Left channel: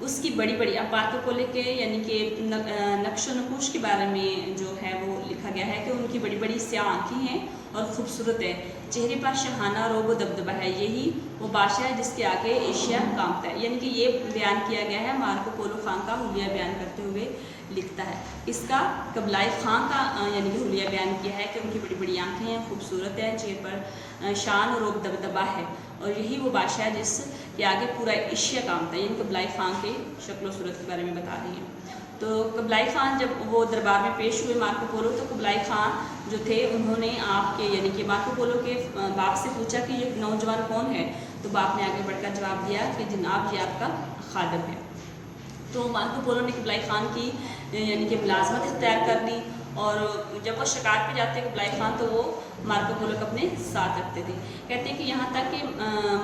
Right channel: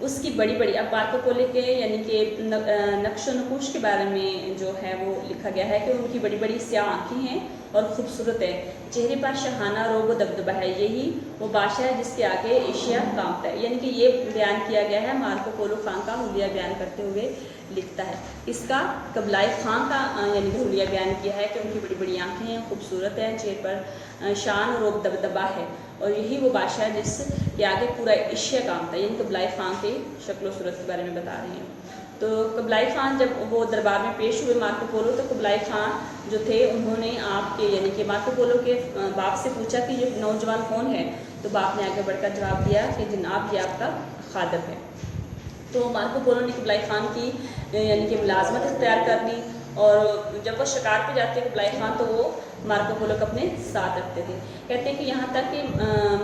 اس کی بڑی بڑی، اب مارکو پولو کے یعنی کہ نقش و نقوش کے بارے میں جو ہے وہ لکھا گیا ہے کہ ان کی بڑی بڑی سیاہ آنکھیں ہیں اور خوبصورت ہے، چہرے پر شاہانہ روب و دبدبہ ہے، یہی وہ بادشاہ ہے جس کے آگے ایشیا کانپتا ہے۔ یعنی کہ یہ بیان کیا گیا ہے مارکو پولو خان کا حلیہ بیان کرتے ہوئے لکھتا ہے۔ اس کا قبلائے خان کا یعنی کہ حلیہ بیان کیا ہے کہ ان کی بڑی بڑی آنکھیں ہیں، خوبصورت ہے، چہرے پر شان اور روب دبدبہ ہے، اور یہی وہ بادشاہ ہے جس کے آگے پورا ایشیا کانپتا ہے۔ یعنی قبلائے خان کے شکل و صورت کے بارے میں بتا رہی ہیں۔ تو قبلائے خان جب وہ دربار میں پیش ہوئے مارکو پولو، تو قبلائے خان جو تھے انہوں نے آپ کے یعنی کہ مارکو پولو کے باپ سے پوچھا کہ یہ نوجوان کون ہے، تو باپ نے آگے بڑھ کر جواب دیا کہ جناب یہ آپ کا خادم ہے۔ تو مارکو پولو نے قبلائے خان کی یعنی کہ ملازمت اختیار کر لی، اور جب وہ شکار پہ جاتے قبلائے خان تو وہ مارکو پولو کو اپنے ساتھ رکھتے تھے۔ کہتے ہیں کہ یہاں تک کہ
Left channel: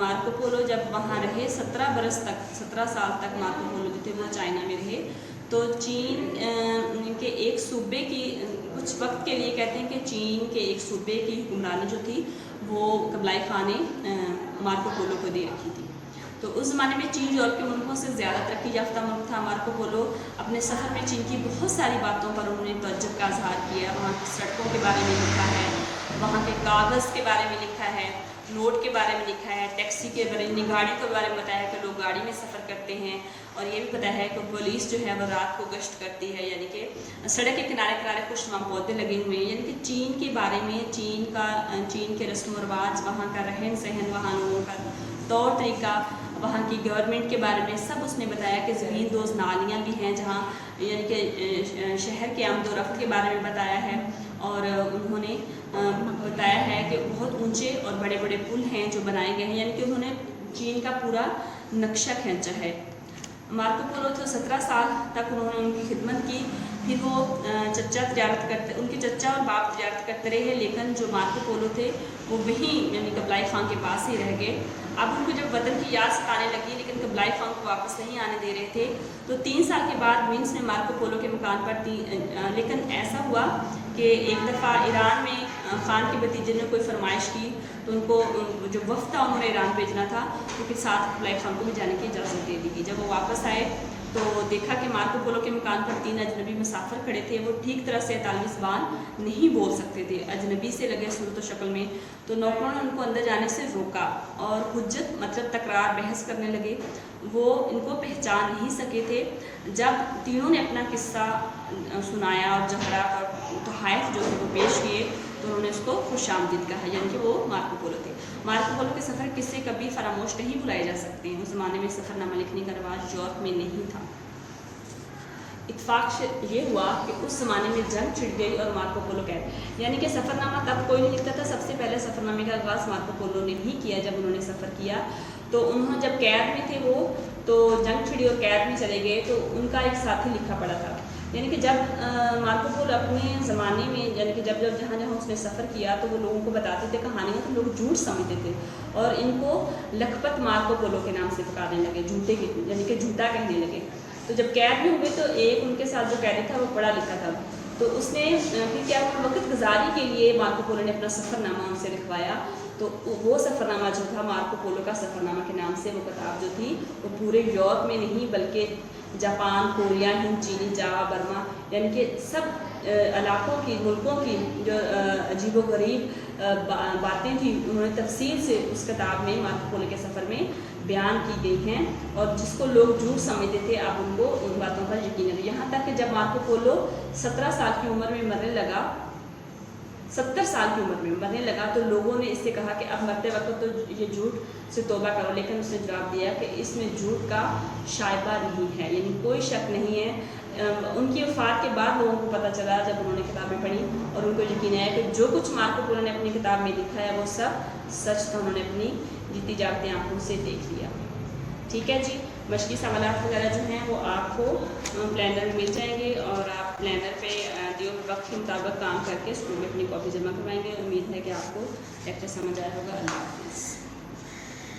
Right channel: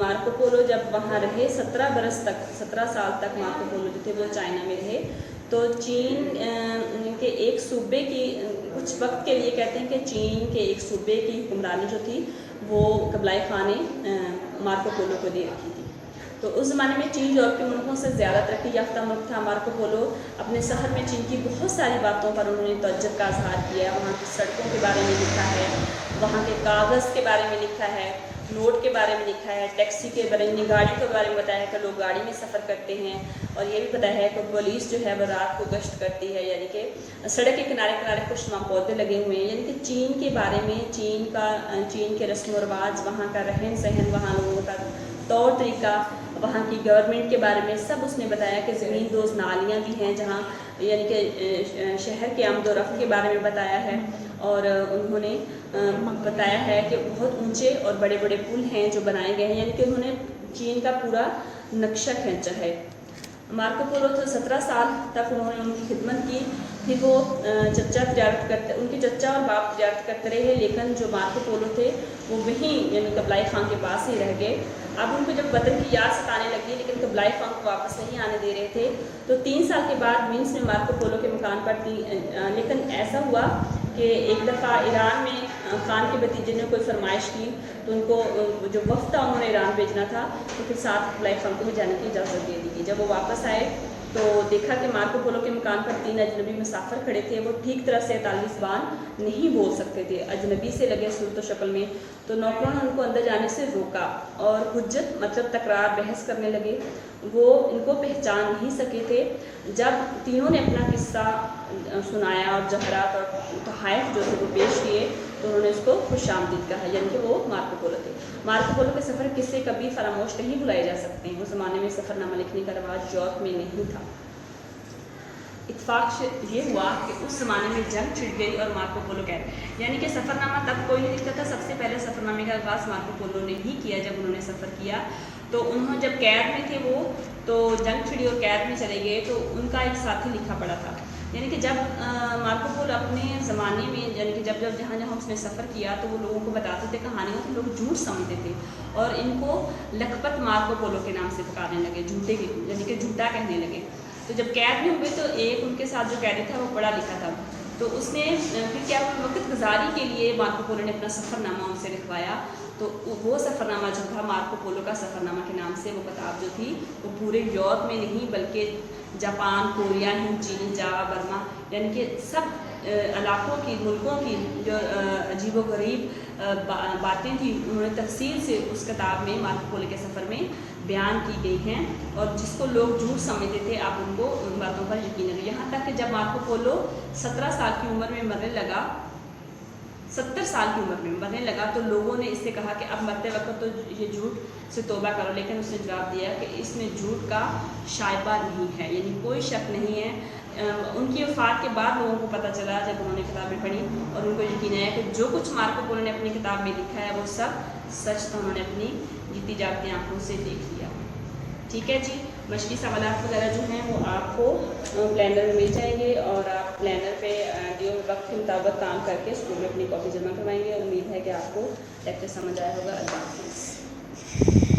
مارکو پولو جب وہاں رہے 17 برس تک، 17 سال تک مارکو پولو جو تھے وہ چائنا میں رہے، تو چین کے ایک صوبے کی کچھ وقت کے لیے کہتے ہیں کہ چین کے ایک صوبے کی حکمرانی جو تھی وہ قبلائے خان نے مارکو پولو کو دے رکھی تھی۔ تو اس زمانے میں چین یورپی ملکوں سے زیادہ ترقی یافتہ ملک تھا۔ مارکو پولو اپنے سفر میں چین کی بہت ساری باتوں پر انہوں نے تعجب کا اظہار کیا، وہاں کی سڑکوں کے بارے میں لکھا ہے، وہاں کے کاغذ کے بارے میں لکھا ہے، نوٹ کے بارے میں لکھا ہے، ٹیکسی کے بارے میں، گاڑی کے بارے میں بتایا ہے کہ لوگ گاڑی میں سفر کرتے ہیں، اور یہ بھی بتایا ہے کہ پولیس جو ہے وہ رات کو گشت کرتی ہے، یعنی کہ سڑک کے کنارے کنارے خوشنما پودے لگے ہوئے ہیں۔ یعنی کہ چین کے بارے میں، چین کے رسم و رواج، وہاں کا رہن سہن، وہاں لوگوں کا طور طریقہ، وہاں کی گورنمنٹ کے بارے میں سب اس نے بتایا کہ زمین دوز نالیاں بھی ہیں جہاں یعنی کہ شہر کے آمد و رفت کے بارے میں بتایا ہے، اور انہوں نے بتایا ہے کہ بہت اونچے اور بڑے بڑے پل ہیں جو بنائے گئے ہیں، یعنی کہ انہوں نے چین کا پورا نقشہ کھینچا ہے۔ مارکو پولو تو 17 سال تک انہوں نے ان کی خدمت کی، پھر وہ ان کے چچا اور باپ تجارت کرتے رہے، لیکن جو مارکو پولو تھے وہ وہیں یعنی قبلائے خان کے پاس ہی رہ گئے۔ اب ان کو جب وطن کی یاد ستانے لگی لیکن قبلائے خان کو واپس نہیں آنے دے رہے تھے، تو 3 سال کے بعد وینس نے مارکو پولو کے مکان پر لیکن ایسا ہوا کہ ایک دفعہ ایران میں خان کے بھتیجے نے کوئی فرمائش کی، تو ان کو جو وفد تھا انہوں نے ایران بھیجنا تھا، تو پھر ساتھ قبلائے خان کو بھی جانے کی اجازت دے دی گئی۔ جب وہ واپس آئے تو دیکھا کہ مارکو پولو کے مکان پر 3 اجنبی مسافر کھڑے تھے، وہ ٹھیک طرح سے اطالوی زبان نہیں بول سکتے تھے، اجنبی سے لگے صورت و شکل میں، تو نوکروں نے ان کو اندر جانے سے روکا اور حجت مطلب تکرار بحث کرنے لگے، وہ ان کو پہچان نہیں سکے تھے۔ جب تینوں نے اپنا قصہ سنایا، جوہرات اور تحائف جو تھے وہ پیش کیے، تو انہوں نے اس کو خوش آمدید کہا، یعنی کہ وہ مارکو پولو تھے۔ مارکو پولو کے سفر قصے کبھی فراموش نہیں بلائے جا سکتے ہیں۔ اس زمانے میں سفر نامہ لکھنے کا رواج یورپ میں نہیں تھا۔ اتفاق یہ ہوا کہ اس زمانے میں جنگ چھڑ گئی اور مارکو پولو قید، یعنی کہ سفر نامہ تب کوئی نہیں لکھتا تھا، سب سے پہلے سفر نامے کا آغاز مارکو پولو نے ہی کیا جب انہوں نے سفر کیا۔ تو انہوں جب قید میں تھے وہ تو جنگ چھڑی اور قید میں چلے گئے، تو ان کا ایک ساتھی لکھا پڑا تھا، یعنی کہ جب مارکو پولو اپنے زمانے میں یعنی کہ جب جہاں جہاں اس نے سفر کیا تو وہ لوگوں کو بتاتے تھے کہانیاں، تو لوگ جھوٹ سمجھتے تھے اور ان کو لکھپت مارکو پولو کے نام سے پکارنے لگے، جھوٹے کے یعنی کہ جھوٹا کہنے لگے۔ تو جب قید میں ہوئے تو ایک ان کے ساتھ جو قیدی تھا وہ پڑھا لکھا تھا، تو اس نے پھر کیا وقت گزاری کے لیے مارکو پولو نے اپنا سفر نامہ ان سے لکھوایا، تو وہ سفر نامہ جو تھا مارکو پولو کا سفر نامہ کے نام سے وہ کتاب جو تھی وہ پورے یورپ میں نہیں بلکہ جاپان، کوریا، ہند، چین، جاوا، برما یعنی کہ سب علاقوں کی، ملکوں کی جو عجیب و غریب باتیں تھیں انہوں نے تفصیل سے اس کتاب میں مارکو پولو کے سفر میں بیان کی گئی ہیں، اور جس کو لوگ جھوٹ سمجھتے تھے اب ان کو ان باتوں پر یقین ہے۔ یہاں تک کہ جب مارکو پولو 17 سال کی عمر میں مرنے لگا، 70 سال کی عمر میں مرنے لگا، تو لوگوں نے اس سے کہا کہ اب مرتے وقت تو یہ جھوٹ سے توبہ کرو، لیکن اس نے جواب دیا کہ اس میں جھوٹ کا شائبہ نہیں ہے، یعنی کوئی شک نہیں ہے۔ ان کی وفات کے بعد لوگوں کو پتہ چلا جب انہوں نے کتابیں پڑھی اور ان کو یقین آیا کہ جو کچھ مارکو پولو نے اپنی کتاب میں لکھا ہے وہ سب سچ تھا، انہوں نے اپنی جیتی جاگتی آنکھوں سے دیکھ لیا۔ ٹھیک ہے جی، مشقی سوالات وغیرہ جو ہیں وہ آپ کو پلانر میں مل جائیں گے، اور آپ پلانر پہ دیے وقت کے مطابق کام کر کے اسکول میں اپنی کاپی جمع کروائیں گے۔ امید ہے کہ آپ کو لیکچر سمجھ آیا ہوگا۔ اللہ حافظ۔